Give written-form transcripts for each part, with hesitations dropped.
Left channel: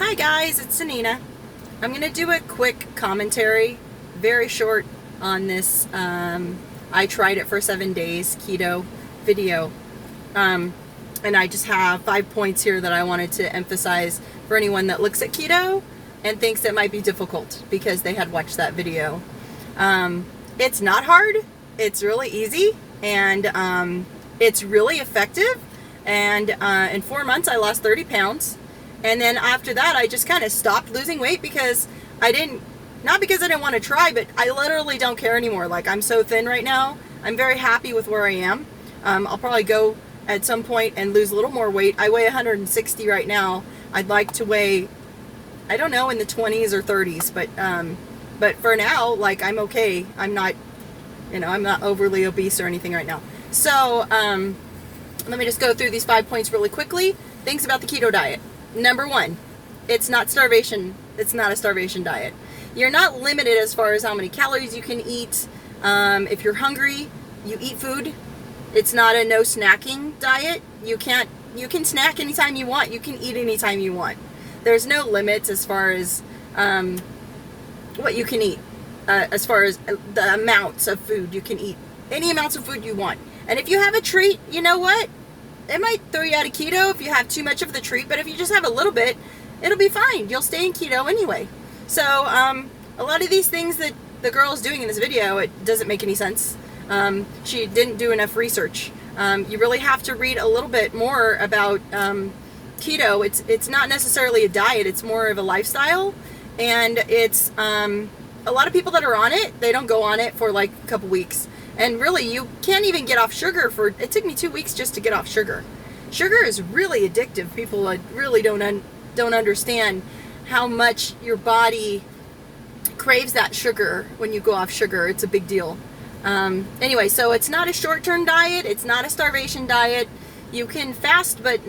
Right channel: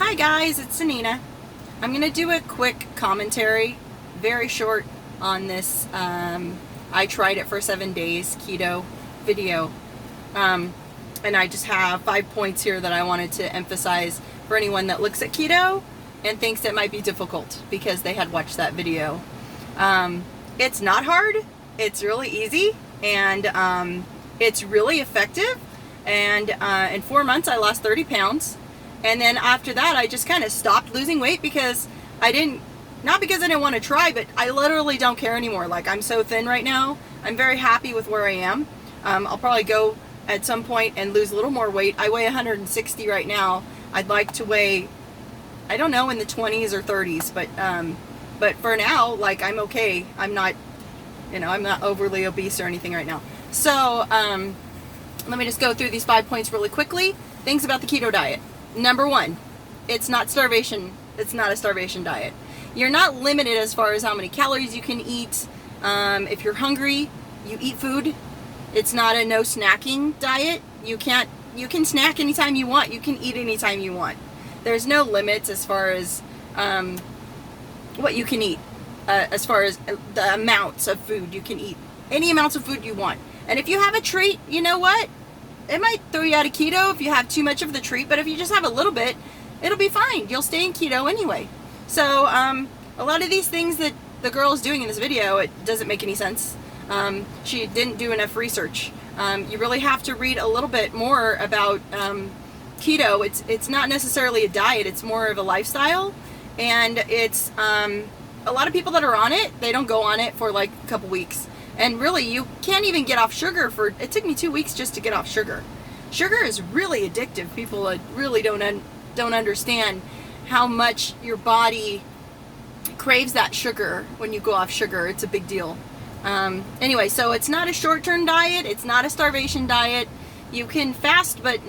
Hi guys, it's Xenina. I'm going to do a quick commentary, very short, on this I tried it for 7 days keto video. And I just have 5 points here that I wanted to emphasize for anyone that looks at keto and thinks it might be difficult because they had watched that video. It's not hard, it's really easy, and it's really effective. And in 4 months I lost 30 pounds. And then after that, I just kind of stopped losing weight because not because I didn't want to try, but I literally don't care anymore. Like, I'm so thin right now. I'm very happy with where I am. I'll probably go at some point and lose a little more weight. I weigh 160 right now. I'd like to weigh, I don't know, in the 20s or 30s, but for now, like, I'm okay. I'm not overly obese or anything right now. So, let me just go through these 5 points really quickly. Things about the keto diet. Number one, it's not starvation. It's not a starvation diet. You're not limited as far as how many calories you can eat. If you're hungry, you eat food. It's not a no snacking diet. You can snack anytime you want. You can eat anytime you want. There's no limits as far as what you can eat, as far as the amounts of food you can eat. Any amounts of food you want. And if you have a treat, you know what? It might throw you out of keto if you have too much of the treat, but if you just have a little bit, it'll be fine. You'll stay in keto anyway. So a lot of these things that the girl is doing in this video, it doesn't make any sense. She didn't do enough research. You really have to read a little bit more about keto. It's not necessarily a diet. It's more of a lifestyle. And it's a lot of people that are on it, they don't go on it for like a couple weeks. And really, you can't even get off sugar it took me 2 weeks just to get off sugar. Sugar is really addictive. People really don't understand how much your body craves that sugar when you go off sugar. It's a big deal. Anyway, so it's not a short-term diet. It's not a starvation diet. You can fast, but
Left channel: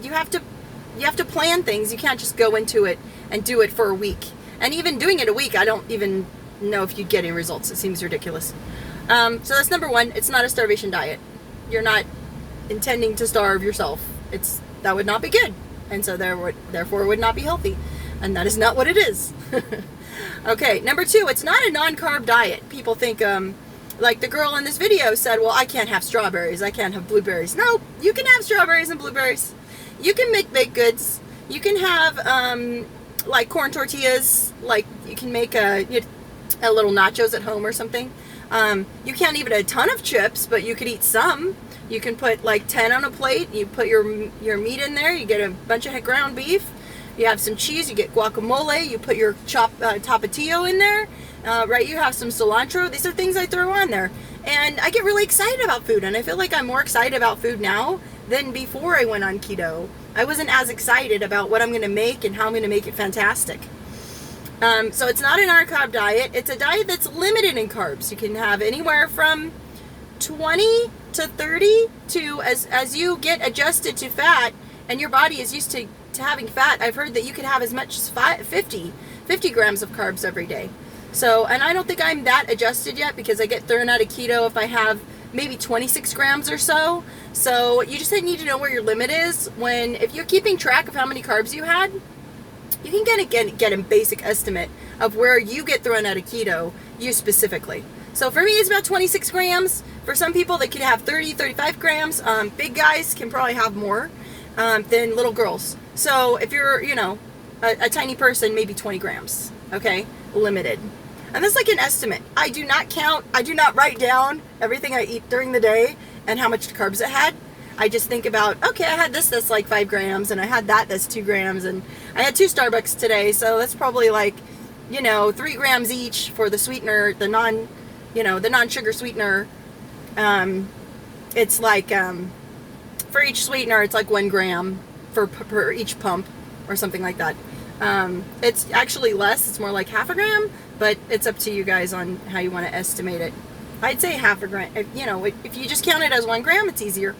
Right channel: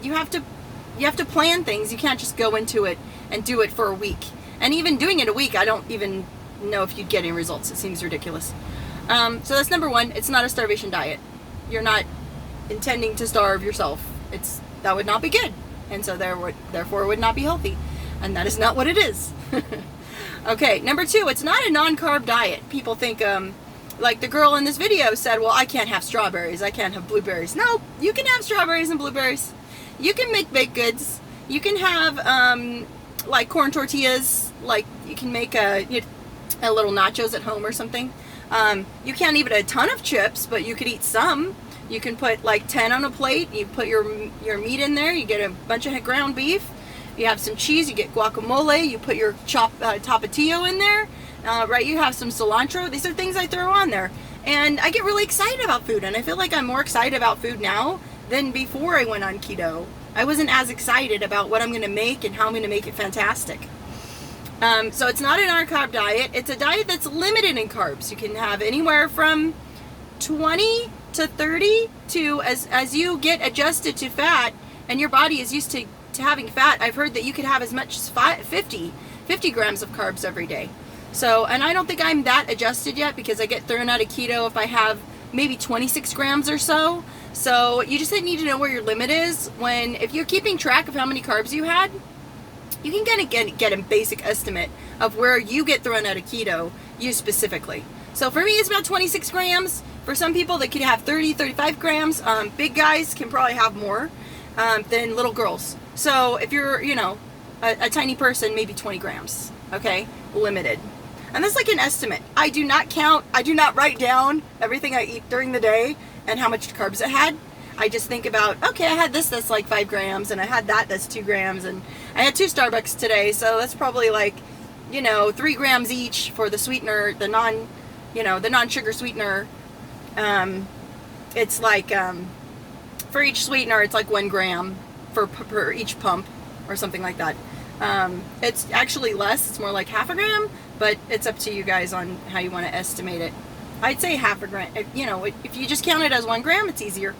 you have to plan things. You can't just go into it and do it for a week. And even doing it a week, I don't even know if you'd get any results. It seems ridiculous. So that's number one. It's not a starvation diet. You're not intending to starve yourself. That would not be good. And so therefore it would not be healthy. And that is not what it is. Okay, number two, it's not a non-carb diet. People think, like the girl in this video said, well, I can't have strawberries. I can't have blueberries. No, you can have strawberries and blueberries. You can make baked goods. You can have, like corn tortillas. Like you can make a little nachos at home or something. You can't eat a ton of chips, but you could eat some. You can put like 10 on a plate. You put your meat in there. You get a bunch of ground beef. You have some cheese. You get guacamole. You put your chopped tapatio in there. Right? You have some cilantro. These are things I throw on there. And I get really excited about food. And I feel like I'm more excited about food now than before I went on keto. I wasn't as excited about what I'm going to make and how I'm going to make it fantastic. So it's not an non-carb diet. It's a diet that's limited in carbs. You can have anywhere from 20 to 30 to, as you get adjusted to fat and your body is used to having fat, I've heard that you could have as much as 50 grams of carbs every day. So, and I don't think I'm that adjusted yet because I get thrown out of keto if I have maybe 26 grams or so. So you just need to know where your limit is. If you're keeping track of how many carbs you had, you can get a basic estimate of where you get thrown out of keto, you specifically. So for me, it's about 26 grams. For some people, they could have 30, 35 grams. Big guys can probably have more than little girls. So if you're, a tiny person, maybe 20 grams, okay? Limited. And that's like an estimate. I do not write down everything I eat during the day and how much carbs it had. I just think about, okay, I had this that's like 5 grams, and I had that's 2 grams, and I had 2 Starbucks today, so that's probably like, 3 grams each for the sweetener, the non-sugar sweetener. It's like, for each sweetener, it's like 1 gram per each pump, or something like that. It's actually less, it's more like half a gram, but it's up to you guys on how you want to estimate it. I'd say half a gram, if you just count it as 1 gram, it's easier.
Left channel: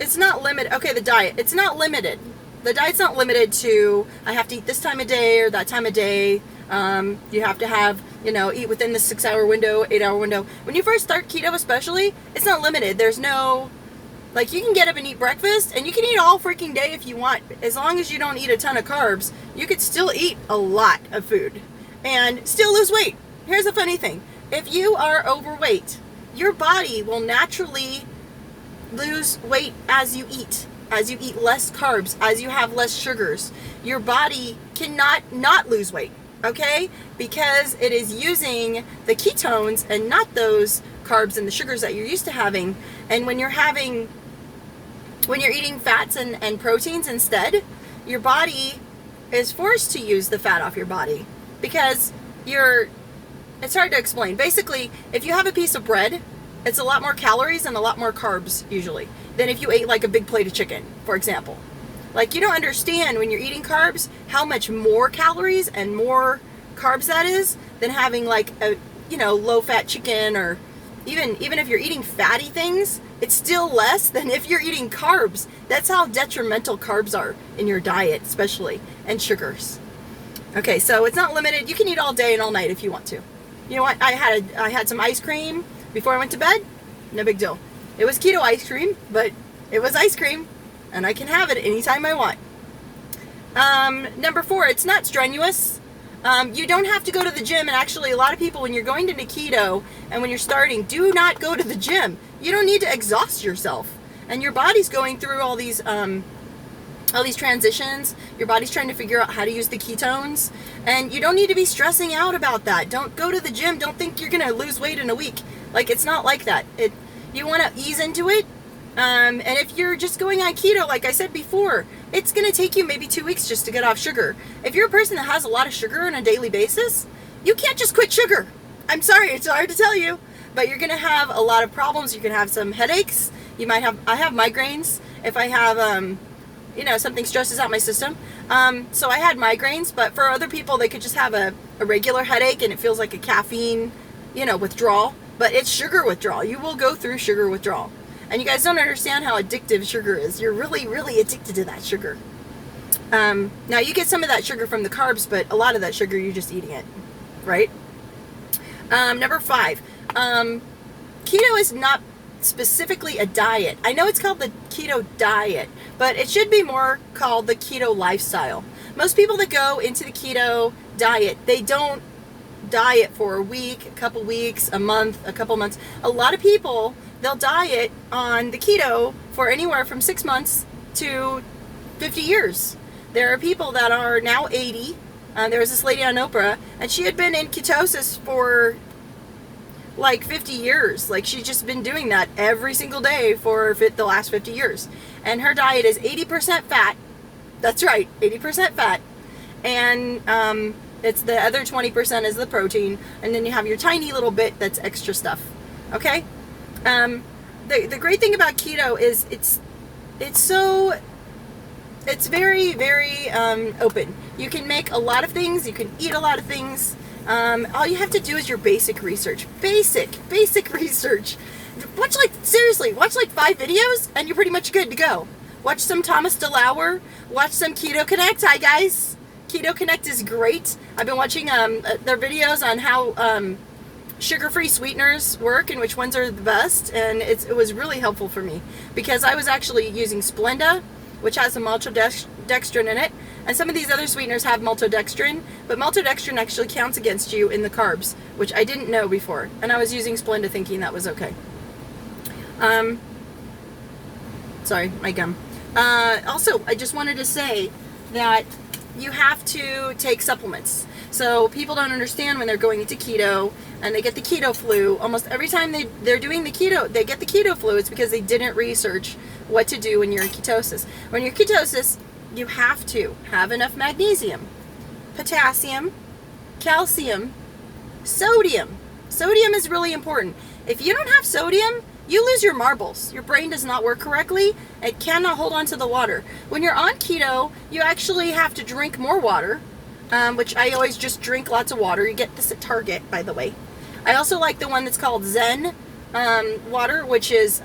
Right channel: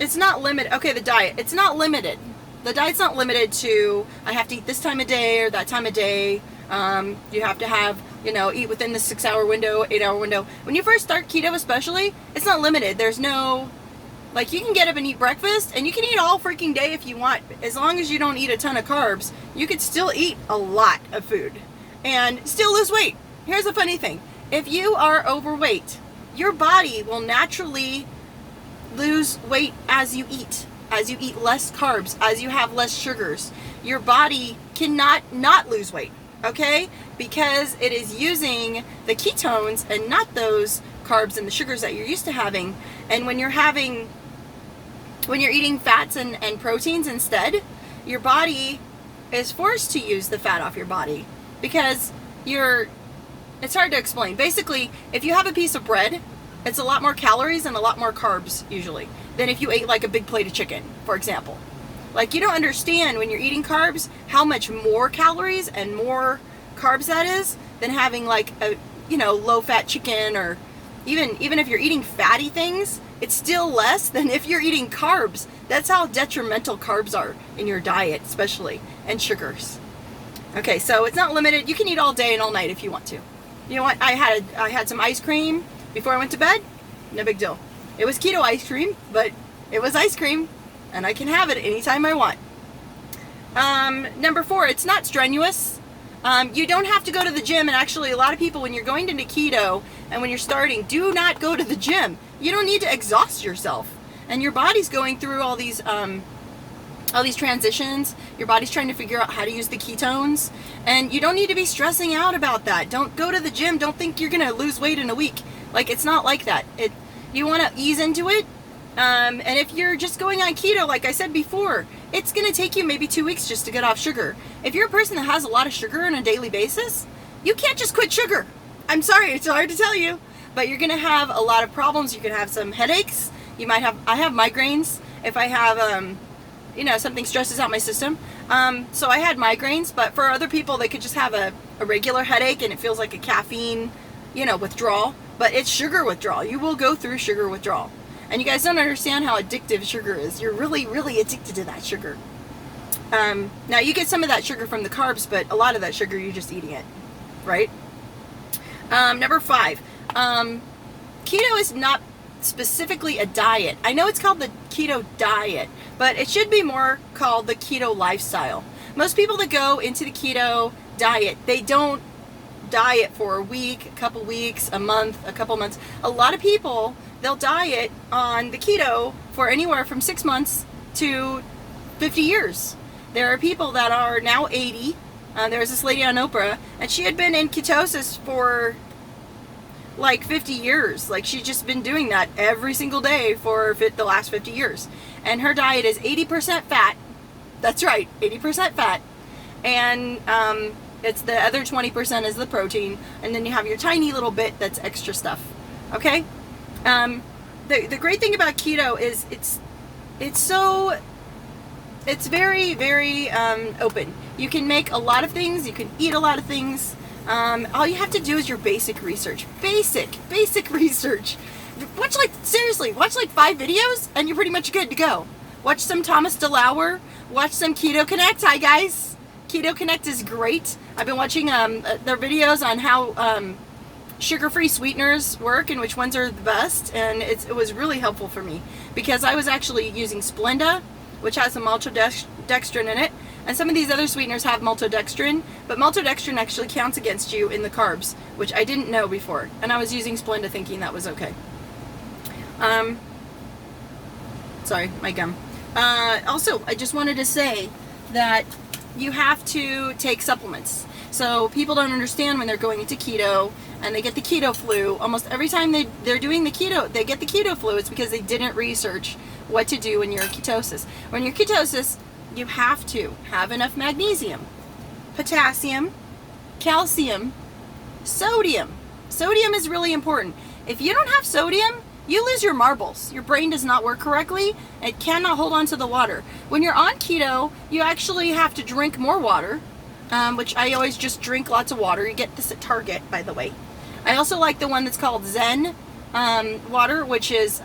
It's not limited. Okay, the diet. It's not limited. The diet's not limited to, I have to eat this time of day or that time of day. You have to have, eat within the 6-hour window, 8-hour window. When you first start keto especially, it's not limited. There's no Like, you can get up and eat breakfast, and you can eat all freaking day if you want. As long as you don't eat a ton of carbs, you could still eat a lot of food and still lose weight. Here's the funny thing. If you are overweight, your body will naturally lose weight as you eat less carbs, as you have less sugars. Your body cannot not lose weight, okay? Because it is using the ketones and not those carbs and the sugars that you're used to having. And when you're eating fats and proteins instead, your body is forced to use the fat off your body because it's hard to explain. Basically, if you have a piece of bread, it's a lot more calories and a lot more carbs usually than if you ate like a big plate of chicken, for example. Like, you don't understand when you're eating carbs how much more calories and more carbs that is than having like a, low fat chicken, or even if you're eating fatty things, it's still less than if you're eating carbs. That's how detrimental carbs are in your diet, especially, and sugars. Okay, so it's not limited. You can eat all day and all night if you want to. You know what? I had some ice cream before I went to bed. No big deal. It was keto ice cream, but it was ice cream, and I can have it anytime I want. Number 4, it's not strenuous. You don't have to go to the gym, and actually a lot of people, when you're going into keto and when you're starting, do not go to the gym. You don't need to exhaust yourself. And your body's going through all these transitions. Your body's trying to figure out how to use the ketones, and you don't need to be stressing out about that. Don't go to the gym. Don't think you're going to lose weight in a week. Like, it's not like that. You want to ease into it. And if you're just going on keto, like I said before, it's going to take you maybe 2 weeks just to get off sugar. If you're a person that has a lot of sugar on a daily basis, you can't just quit sugar. I'm sorry, it's hard to tell you, but you're going to have a lot of problems. You can have some headaches. I have migraines if I have, something stresses out my system. So I had migraines, but for other people, they could just have a regular headache and it feels like a caffeine, withdrawal, but it's sugar withdrawal. You will go through sugar withdrawal. And you guys don't understand how addictive sugar is. You're really, really addicted to that sugar. Now, you get some of that sugar from the carbs, but a lot of that sugar, you're just eating it, right? Number 5, keto is not specifically a diet. I know it's called the keto diet, but it should be more called the keto lifestyle. Most people that go into the keto diet, they don't diet for a week, a couple weeks, a month, a couple months. A lot of people, they'll diet on the keto for anywhere from 6 months to 50 years. There are people that are now 80. There was this lady on Oprah, and she had been in ketosis for like 50 years. Like, she's just been doing that every single day for the last 50 years. And her diet is 80% fat. That's right, 80% fat. And it's the other 20% is the protein. And then you have your tiny little bit that's extra stuff. Okay? The great thing about keto is it's very, very open. You can make a lot of things. You can eat a lot of things. All you have to do is your basic research. Basic research. Watch like 5 videos and you're pretty much good to go. Watch some Thomas DeLauer. Watch some Keto Connect. Hi guys. Keto Connect is great. I've been watching their videos on how sugar-free sweeteners work and which ones are the best, and it was really helpful for me because I was actually using Splenda, which has some maltodextrin in it, and some of these other sweeteners have maltodextrin, but maltodextrin actually counts against you in the carbs, which I didn't know before, and I was using Splenda thinking that was okay. Sorry, my gum. Also, I just wanted to say that you have to take supplements. So people don't understand when they're going into keto and they get the keto flu. Almost every time they're doing the keto, they get the keto flu. It's because they didn't research what to do when you're in ketosis. When you're in ketosis, you have to have enough magnesium, potassium, calcium, sodium. Sodium is really important. If you don't have sodium, you lose your marbles. Your brain does not work correctly. It cannot hold on to the water. When you're on keto, you actually have to drink more water, which I always just drink lots of water. You get this at Target, by the way. I also like the one that's called Zen water, which is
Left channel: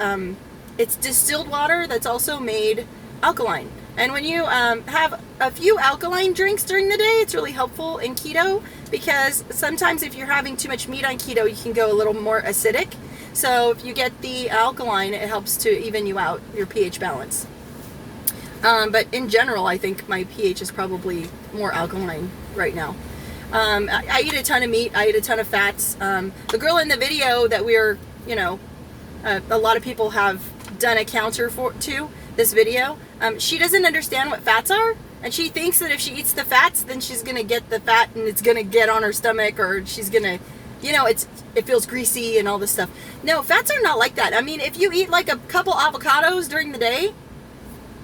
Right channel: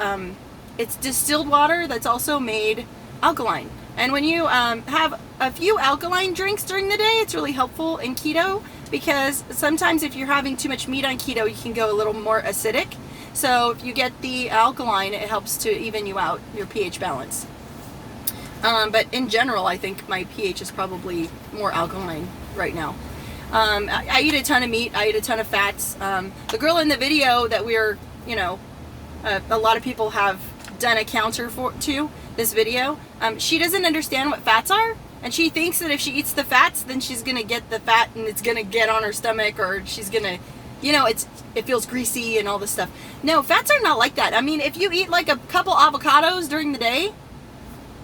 it's distilled water that's also made alkaline. And when you have a few alkaline drinks during the day, it's really helpful in keto because sometimes if you're having too much meat on keto, you can go a little more acidic. So if you get the alkaline, it helps to even you out, your pH balance. But in general, I think my pH is probably more alkaline right now. I eat a ton of meat. I eat a ton of fats. The girl in the video that we're, you know, a lot of people have done a counter to this video. She doesn't understand what fats are, and she thinks that if she eats the fats, then she's gonna get the fat and it's gonna get on her stomach, or she's gonna, you know, it feels greasy and all this stuff. No, fats are not like that. I mean, if you eat like a couple avocados during the day,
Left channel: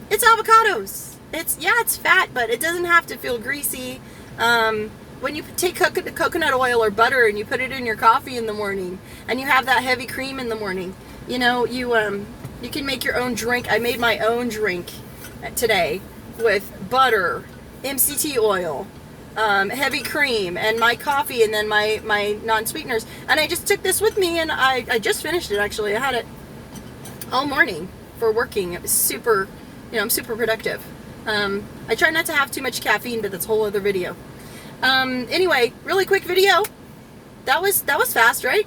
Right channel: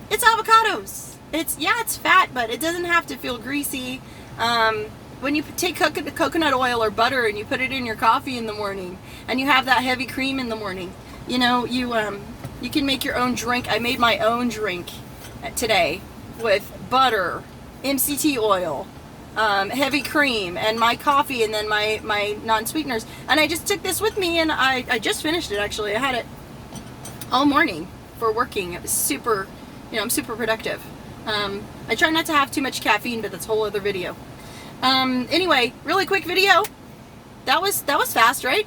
it's avocados. It's fat, but it doesn't have to feel greasy. When you take coconut oil or butter and you put it in your coffee in the morning, and you have that heavy cream in the morning, you know, you can make your own drink. I made my own drink today with butter, MCT oil, heavy cream, and my coffee, and then my non-sweeteners. And I just took this with me, and I just finished it, actually. I had it all morning for working. It was super, you know, I'm super productive. I try not to have too much caffeine, but that's a whole other video. Anyway, really quick video. That was fast, right?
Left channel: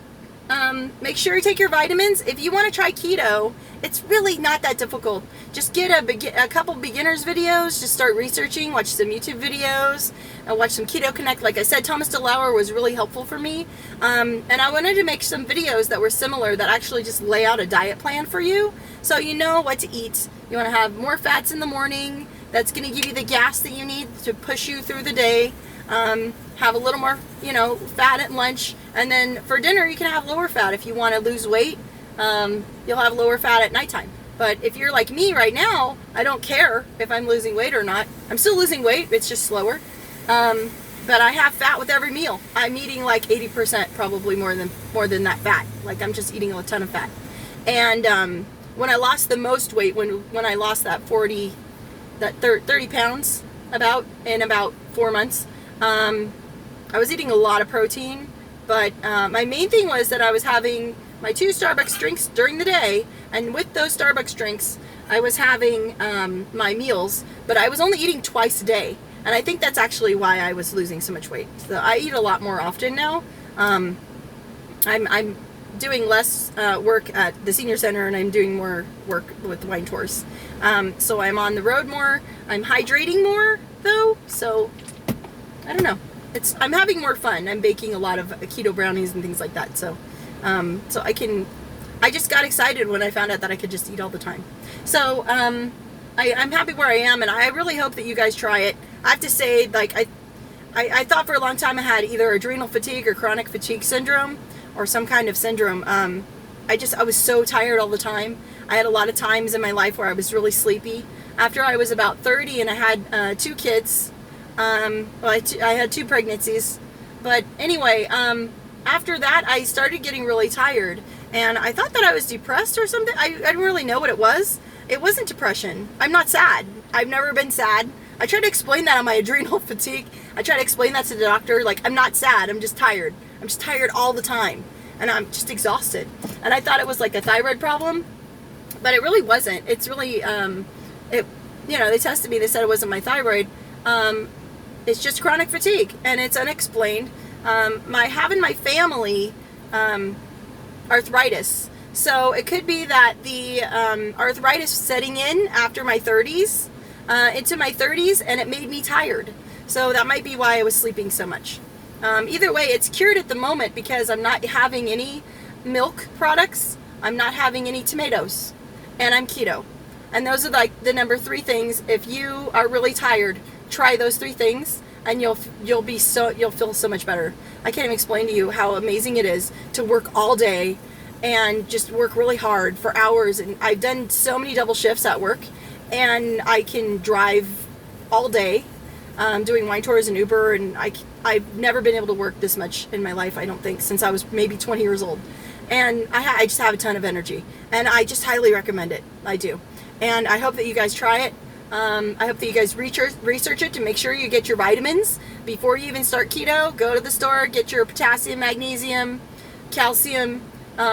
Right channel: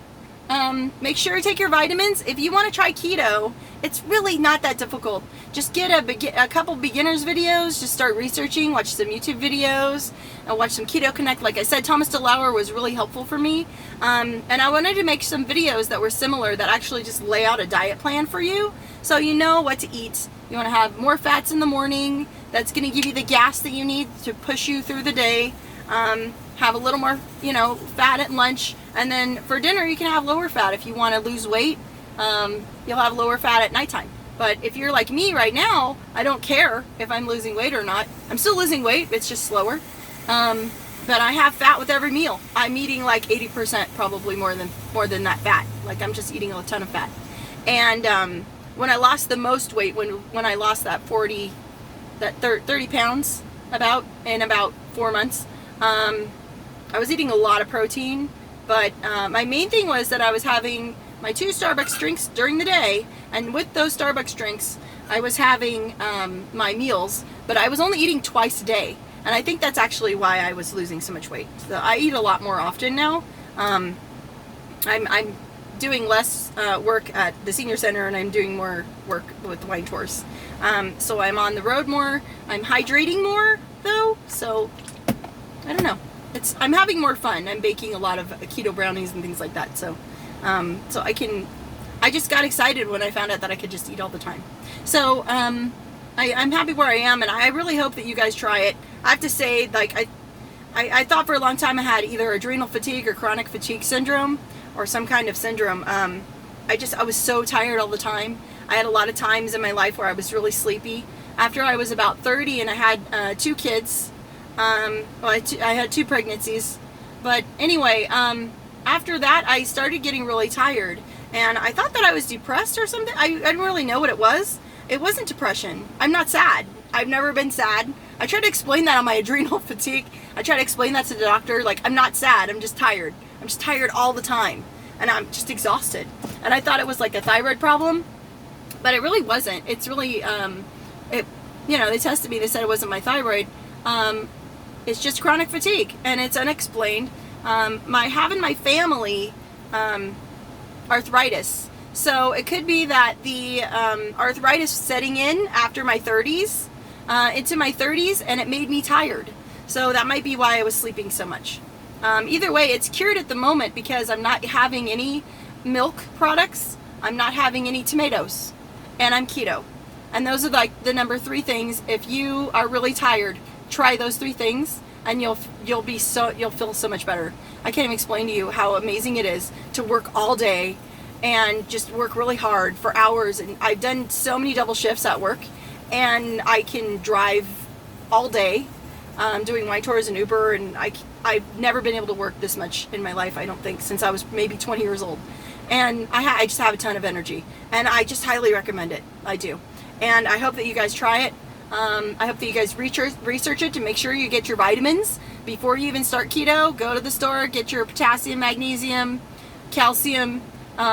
Make sure you take your vitamins. If you want to try keto, it's really not that difficult. Just get a couple beginners videos, just start researching, watch some YouTube videos, and watch some Keto Connect. Like I said, Thomas DeLauer was really helpful for me. And I wanted to make some videos that were similar, that actually just lay out a diet plan for you, so you know what to eat. You want to have more fats in the morning. That's going to give you the gas that you need to push you through the day. Have a little more, you know, fat at lunch, and then for dinner you can have lower fat. If you want to lose weight, you'll have lower fat at nighttime. But if you're like me right now, I don't care if I'm losing weight or not. I'm still losing weight, it's just slower. But I have fat with every meal. I'm eating like 80%, probably more than that fat. Like, I'm just eating a ton of fat. And when I lost the most weight, when I lost that 30 pounds in about 4 months, I was eating a lot of protein, but my main thing was that I was having my 2 Starbucks drinks during the day, and with those Starbucks drinks, I was having my meals, but I was only eating twice a day, and I think that's actually why I was losing so much weight. So I eat a lot more often now. I'm doing less work at the senior center, and I'm doing more work with wine tours. So I'm on the road more. I'm hydrating more, though, so I don't know. I'm having more fun. I'm baking a lot of keto brownies and things like that. So, I just got excited when I found out that I could just eat all the time. So, I'm happy where I am, and I really hope that you guys try it. I have to say, like, I thought for a long time I had either adrenal fatigue or chronic fatigue syndrome, or some kind of syndrome. I was so tired all the time. I had a lot of times in my life where I was really sleepy. After I was about 30 and I had 2 kids, I had 2 pregnancies, but anyway, after that I started getting really tired, and I thought that I was depressed or something. I didn't really know what it was. It wasn't depression. I'm not sad. I've never been sad. I tried to explain that on my adrenal fatigue. I tried to explain that to the doctor, like, I'm not sad, I'm just tired. I'm just tired all the time, and I'm just exhausted. And I thought it was like a thyroid problem, but it really wasn't. It's really, you know, they tested me, they said it wasn't my thyroid. It's just chronic fatigue, and it's unexplained. Having my family arthritis, so it could be that the arthritis setting in after my 30s, into my 30s, and it made me tired. So that might be why I was sleeping so much. Either way, it's cured at the moment because I'm not having any milk products, I'm not having any tomatoes, and I'm keto. And those are like the number 3 things. If you are really tired, try those 3 things, and you'll feel so much better. I can't even explain to you how amazing it is to work all day and just work really hard for hours. And I've done so many double shifts at work, and I can drive all day, doing wine tours and Uber, and I've never been able to work this much in my life, I don't think, since I was maybe 20 years old. And I just have a ton of energy, and I just highly recommend it. I do. And I hope that you guys try it. I hope that you guys research it to make sure you get your vitamins before you even start keto. Go to the store, get your potassium, magnesium, calcium.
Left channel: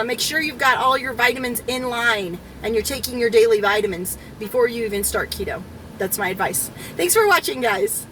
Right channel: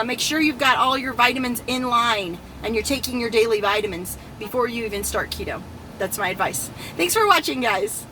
Make sure you've got all your vitamins in line, and you're taking your daily vitamins before you even start keto. That's my advice. Thanks for watching, guys.